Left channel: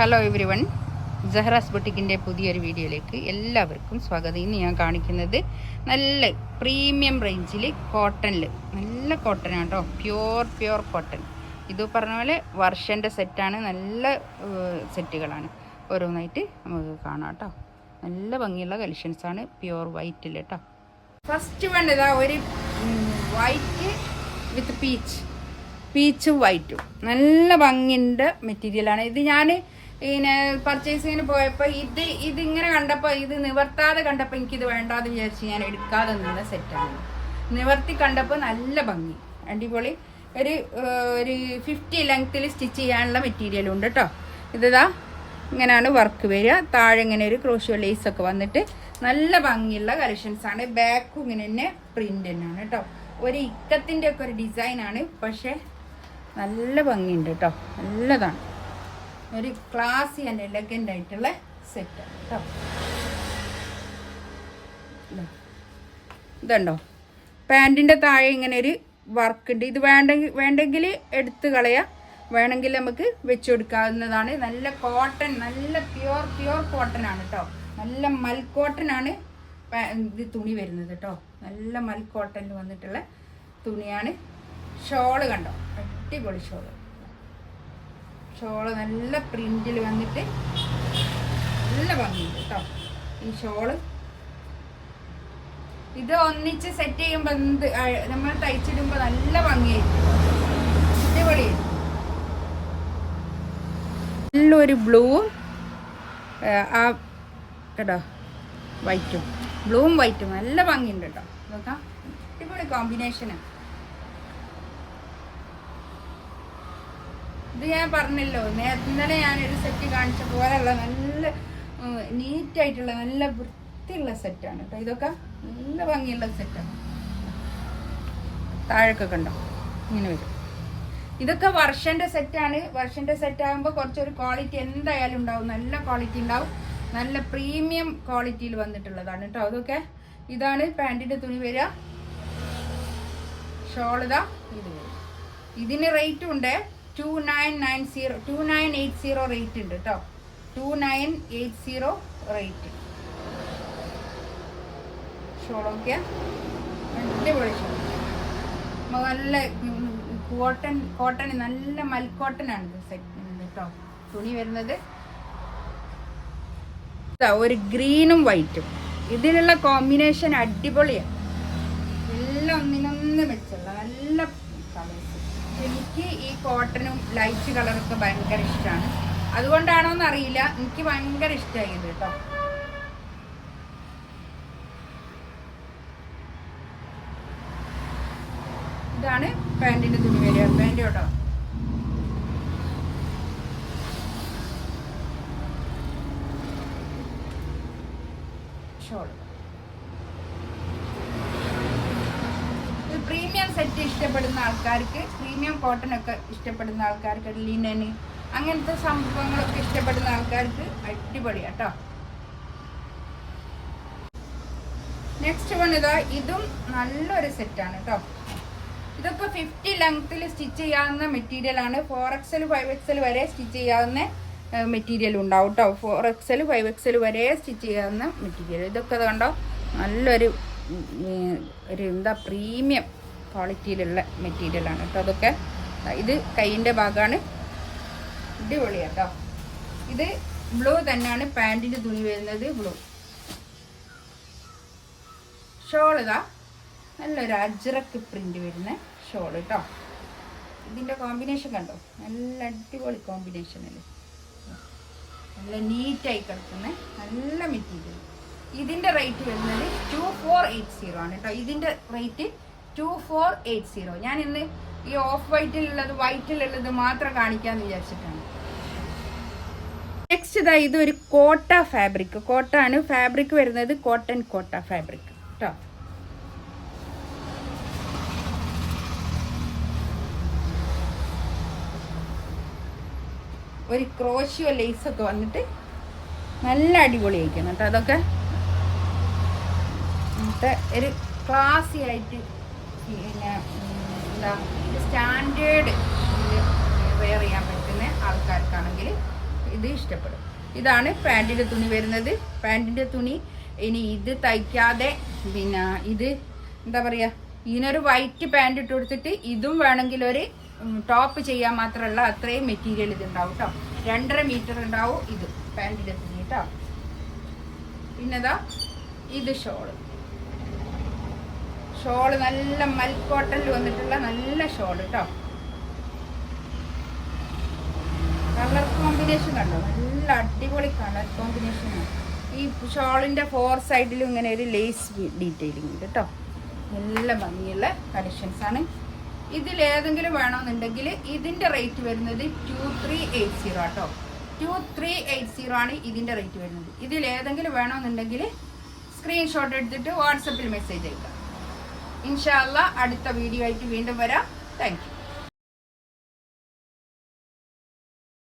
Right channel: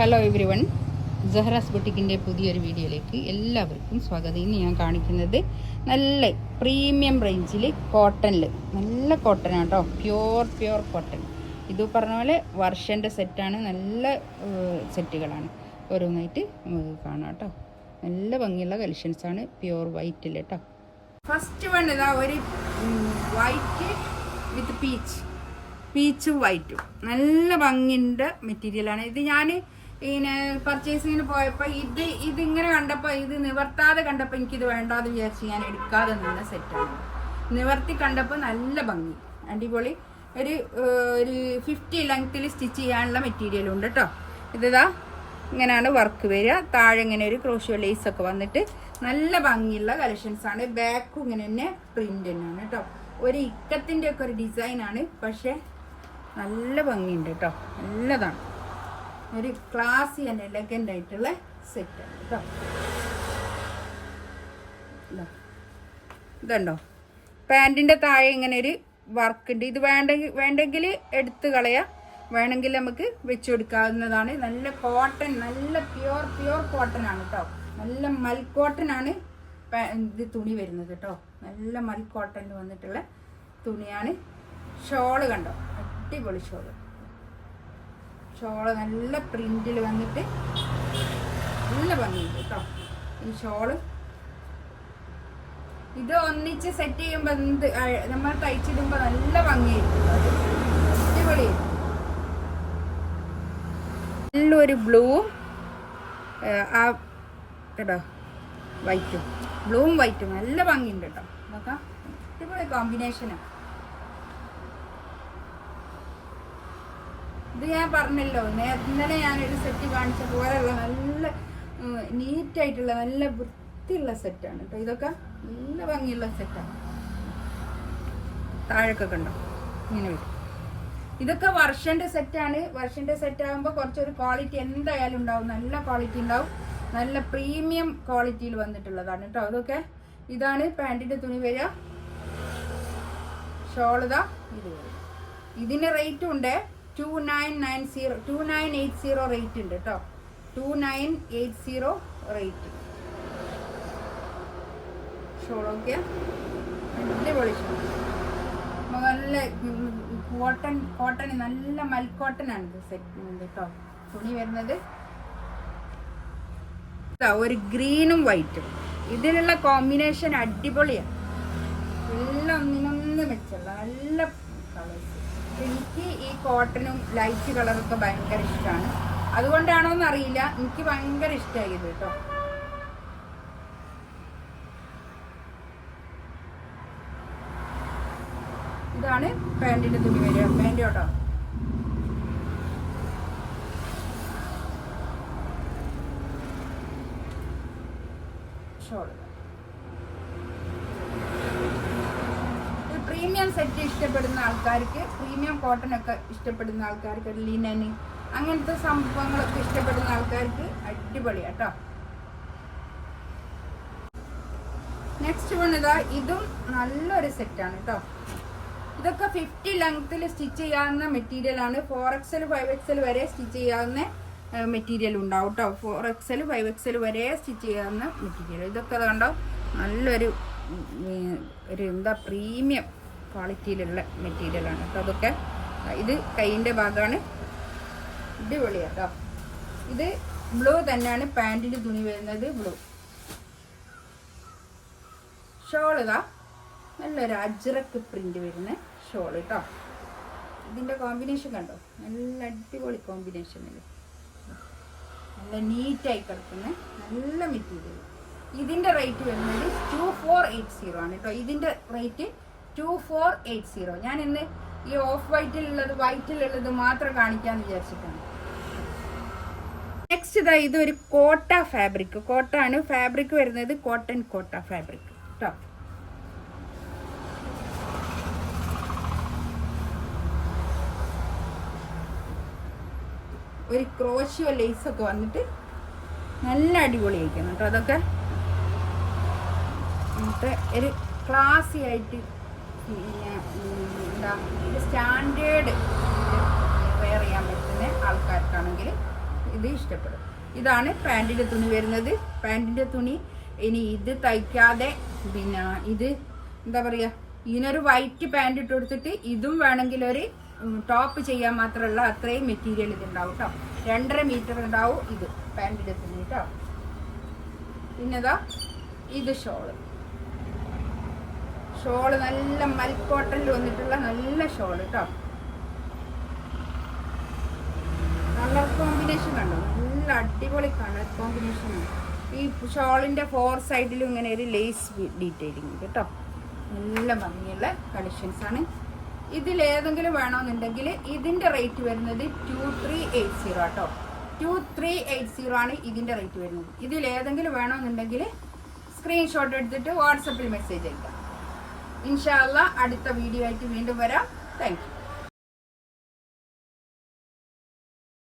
Hello every one, ജഹ്റാസ് ബൊട്ടിക്കിൻ്റെ പുതിയൊരു വീഡിയോയിലേക്ക് എല്ലാവർക്കും സ്വാഗതം. ഇന്ന് ഞാൻ കാണിക്കുന്നത് നല്ല പ്രീമിയം റേഞ്ചിൽ കോട്ടണിൽ നല്ല കോട്ടനാണ് കേട്ടോ. Pure cotton. ഇത് പറഞ്ഞ പോലെ വർഷൻ്റെ സെറ്റാണ്. നല്ല സെറ്റുകളാണ്. ഓരോന്നായിട്ട് നമുക്ക് കാണാം കേട്ടോ. നല്ല ഭംഗിയുള്ള കളക്ഷൻസാണ്. പ്യോർ വൈറ്റിൽ കേട്ടോ. ഫസ്റ്റ് വൺ ഇതാ ഒരു വൈറ്റ് വിത്ത് പീച്ചും വൈറ്റും നല്ല ഭംഗിൻ്റെ മെറ്റീരിയലാണ്. ഇത് ഞാൻ പിന്നെ പർച്ചേസിങ്ങിന് പോയപ്പോൾ ഇതിങ്ങനെ കണ്ടപ്പോൾ, ഇത് നിവർത്താതെ കണ്ടപ്പോൾ എനിക്കിത് വേണ്ടാന്ന് വിചാരിച്ച് ഞാൻ എടുക്കാതെ നിന്ന സെറ്റാണ്. നിവർത്തി കണ്ടപ്പോൾ നല്ല ഭംഗി, അടിപൊളി. ഒരു 50 ലെങ്ത്തിൽ സ്റ്റിച്ച് ചെയ്യാനുള്ള മെറ്റീരിയലും ഉണ്ട് കേട്ടോ. ഇതാ ഇങ്ങനെയാണ് വർക്ക് വരിക. താഴെ ഇങ്ങനെ ഒരു ക്രോഷ്യോ ലേസൊക്കെ വന്നിട്ട് നല്ല ഭംഗിയുള്ള കളക്ഷൻസാണ്. ബാക്കും ഇങ്ങനെ തന്നെ പ്രിൻ്റ് തന്നെയാണ് കേട്ടോ. ഒരു ഇക്കത്തിൻ്റെ ഒക്കെ ഒരു ഡിസൈനാണ്, പക്ഷേ നല്ല ഭംഗിയുണ്ട് കേട്ടോ. നല്ലതാണ്. ഒരു ക്ലാസി ആൻഡ് എലഗൻ്റ് ആയിട്ടുള്ള സെറ്റാണ് കേട്ടോ. ഇതുണ്ടോ, പാൻറ്റിൻ്റെ താഴെ ഇങ്ങനെ ഒരു വർക്ക് ഉണ്ട്. ഇത് വേണ്ടെങ്കിൽ എടുത്ത് കളയാം, വേണമെങ്കിൽ നമുക്ക് വെച്ച് കൊടുക്കാവുന്നതാണ്. നല്ല കോട്ടൺ, നല്ല പ്യോർ കോട്ടൺ ആണ് കേട്ടോ. നല്ല മൽ കോട്ടൺ ആണ് ഇത് തുണി വരുന്നത് കേട്ടോ. നല്ല മൽ കോട്ടണിൽ വന്നിട്ടുള്ള തുണിയാണ്. ഷോള് കണ്ടോ, അടിപൊളി ഷോള് നല്ല പ്രിന്റിൽ വന്നിട്ട് നല്ല ഭംഗിയുണ്ട് കേട്ടോ ഈ ഷോള്. ഇത് ഒന്നിച്ച് സെറ്റ് ചെയ്യുമ്പോൾ നമ്മൾ തയ്ച്ചിടുമ്പോൾ നല്ല ഭംഗിയായിരിക്കും, അടിപൊളിയായിരിക്കും. നല്ലൊരു ബ്ലൂവും കേട്ടോ ബ്ലൂവും വൈറ്റും നല്ല ഭംഗിയുണ്ട് കേട്ടോ. നോക്കാം, അടിപൊളി കോമ്പിനേഷനാണ്. ഇത് ഞാൻ പറഞ്ഞല്ലോ, ഇന്നലെ ഞാനൊരു സെറ്റ് കാണിച്ച പോലെയുള്ള നല്ല നീറ്റായിട്ടുള്ള നല്ല വൃത്തിയുള്ള സെറ്റാണ് കേട്ടോ. ഇതൊക്കെ നല്ല ഭംഗിയുള്ള സെറ്റാണ്. താഴേക്കൊക്കെ ഉണ്ടോ ഇങ്ങനെ വരും. ഇതൊക്കെ വർഷൻ്റെ സെറ്റാണ്. വർഷൻ്റെ സെറ്റ് ആകുമ്പോൾ കുറച്ചൊരു ക്വാളിറ്റി എന്തായാലും ഉണ്ടാവും, നല്ല ക്വാളിറ്റി ഉണ്ടാവും. നല്ല പ്രീമിയം ക്വാളിറ്റിയിൽ വന്നിട്ടുള്ളതാണ് കേട്ടോ. അതൊക്കെ ഇതാണ് പാൻറ്റിൻ്റെ തുണി വരിക. ഷോൾ ഇതാ ഇത് വരും. ഇതിന് റേറ്റും ഉണ്ട് 2980 റേറ്റ് ഉണ്ട് കേട്ടോ. 2980 റേറ്റ്. ഷോളൊക്കെ അടിപൊളി ഷോൾ. നല്ല കോട്ടൺ നല്ല മൽക്കോട്ടൺ ആണ് ഇത് സെറ്റ് കേട്ടോ. തുണി വരുന്നത് ഒരു ഗ്രീനും വൈറ്റും. ഇതിനുള്ള കോമ്പിനേഷൻ അടിപൊളിയാണ്. എല്ലാം ഒന്നിനൊന്ന് മെച്ചല്ല നല്ല കളേഴ്സ്. എനിക്ക് ഈ കോട്ടണും ലൈറ്റ് കളറൊക്കെ ഭയങ്കര ഇഷ്ടമാണ്. അതുകൊണ്ടാണോ എന്നറിയില്ല, എനിക്ക് ഭയങ്കര ഇഷ്ടമായത് കേട്ടോ. ഇതാണ് പാൻറ്റിന്റെ തുണി വരിക. പാൻറ് കേട്ടോ. ഷോൾ പ്രീമിയം സെറ്റ് ഇഷ്ടപ്പെടുന്ന ആൾക്കാർക്ക്, പ്രീമിയം കോട്ടൺ ഒക്കെ ഇഷ്ടപ്പെടുന്ന ആൾക്കാർക്ക്, ലിനൻ അങ്ങനത്തെ സംഭവങ്ങളൊക്കെ ഇഷ്ടപ്പെടുന്ന ആൾക്കാർക്ക് അടിപൊളിയാ കേട്ടോ. നെക്സ്റ്റ് വൺ ഇതാ, ഇതും നല്ലൊരു സെറ്റാണ് കേട്ടോ. ഇതൊക്കെ 50 ലെങ്ത്തിൽ സ്റ്റിച്ച് ചെയ്യാവുന്ന മെറ്റീരിയൽ ആണ്. 4XL 5XL വരെ സ്റ്റിച്ച് ചെയ്യാവുന്ന മെറ്റീരിയൽ ഉണ്ടാവും കേട്ടോ. 4XL 5XL വരെ സ്റ്റിച്ച് ചെയ്യാവുന്ന മെറ്റീരിയൽ. ഇതൊക്കെ കണ്ടോ, നല്ലൊരു എന്താ പ്രീമിയം ക്വാളിറ്റിയിലുള്ള മെറ്റീരിയലാണ് കേട്ടോ. അതൊക്കെ ഇത് കൈയിൻ്റെ ഭാഗമാണ്. അടിപൊളിയാണ് കേട്ടോ. ഇത് ബ്ലൂ തന്നെയാണ് പാൻറ്റിൻ്റെ തുണി വരുന്നത്, ബ്ലൂ. ഷോളുക നല്ലൊരു അജ്രക്ക് പ്രിന്റ് വരുന്ന ഷോൾ കേട്ടോ. ഇതിൻ്റെ കോമ്പിനേഷൻ കണ്ടോ, നല്ല അടിപൊളി കോമ്പിനേഷൻ അല്ലേ. നല്ല നീറ്റായി കിടക്കുന്ന നല്ല മെറ്റീരിയൽ. ഇതിൻ്റെ റേറ്റ് വരുന്നത് 2480 ആണ് കേട്ടോ. ഇതിൻ്റെ റേറ്റ് 2480. ഞാൻ ഇന്ന് ഈ ഓഫ് വൈറ്റിലുള്ളത് മാത്രം കാണിക്കാമെന്ന് വിചാരിച്ചിട്ടാണ്. നെക്സ്റ്റ് ഇതാ, ഇതൊരു കോട്ട ഫാബ്രിക്. കോട്ടാണ് ഫാബ്രിക് വരുന്നത്, കോട്ടൺ കോട്ട ഫാബ്രിക് കേട്ടോ. ഒരു ക്രോഷ്യോ ലേസൊക്കെ വന്നിട്ട് നല്ല അടിപൊളിയായിരിക്കണം കേട്ടോ. അതൊക്കെ എന്നിട്ട് ഒരു ക്ലാസി ആയിട്ട് എന്താ സ്റ്റാൻഡേർഡ് വെയർ ചെയ്യാൻ പറ്റുന്ന ആൾക്കാർക്കാണെങ്കിൽ ഇത് ഇഷ്ടപ്പെടും. ഇതാണ് പാൻറ്റിൻ്റെ തുണി വരുന്നത്. പാൻറ്റിൻ്റെ തുണി ഇനി ഇത് തയ്ക്കാതെ പിന്നെ ഇത് എന്താ പറയുക, ഇതിനൊരു വൈറ്റ് പാൻറ് ഇട്ട് കൊടുത്തിട്ട് ഇതും വേണമെങ്കിൽ ഒരു ടോപ്പ് ചെയ്യാൻ മാത്രമല്ല അത്രയും മെറ്റീരിയൽ ഇത് ഉണ്ടാവും കേട്ടോ. 2.5 മീറ്റർ ഉണ്ടാവും ഇത് പാൻറ്റിൻ്റെ തുണി കേട്ടോ. പിന്നെതാ ഇത് ഷോള് നല്ല മൽക്കോട്ടനിൽ വന്നിട്ടുള്ള നല്ല ഷോള് കേട്ടോ. കളർ കോമ്പിനേഷൻ കണ്ടോ, നല്ല അടിപൊളി കളർ കോമ്പിനേഷനാണ്. ഈ ഷോളിൻ്റെ 4 സൈഡിലും ഇങ്ങനെ ഒരു ലേസ് ഡീറ്റെയിലിംഗ് ഉണ്ട് കേട്ടോ. നല്ല ഭംഗിയുള്ള കളക്ഷൻസ് ആണ്. ഇതിലേതെങ്കിലും വേണമെന്നുണ്ടെങ്കിൽ ഇതിൻ്റെ റേറ്റ് വരുന്നത് 2380 കേട്ടോ. 2380 ആണ് ഇതിൻ്റെ റേറ്റ് വരുന്നത്. ഇതിലേതെങ്കിലും വേണമെന്നുണ്ടെങ്കിൽ സ്ക്രീൻഷോട്ട് എടുത്തിട്ട് വാട്സപ്പിൽ മെസ്സേജ് അയക്കാം. ഇൻഷാ അല്ലാഹ് അടുത്ത വീഡിയോ ആയിട്ട് വീണ്ടും വരാം. Thank you.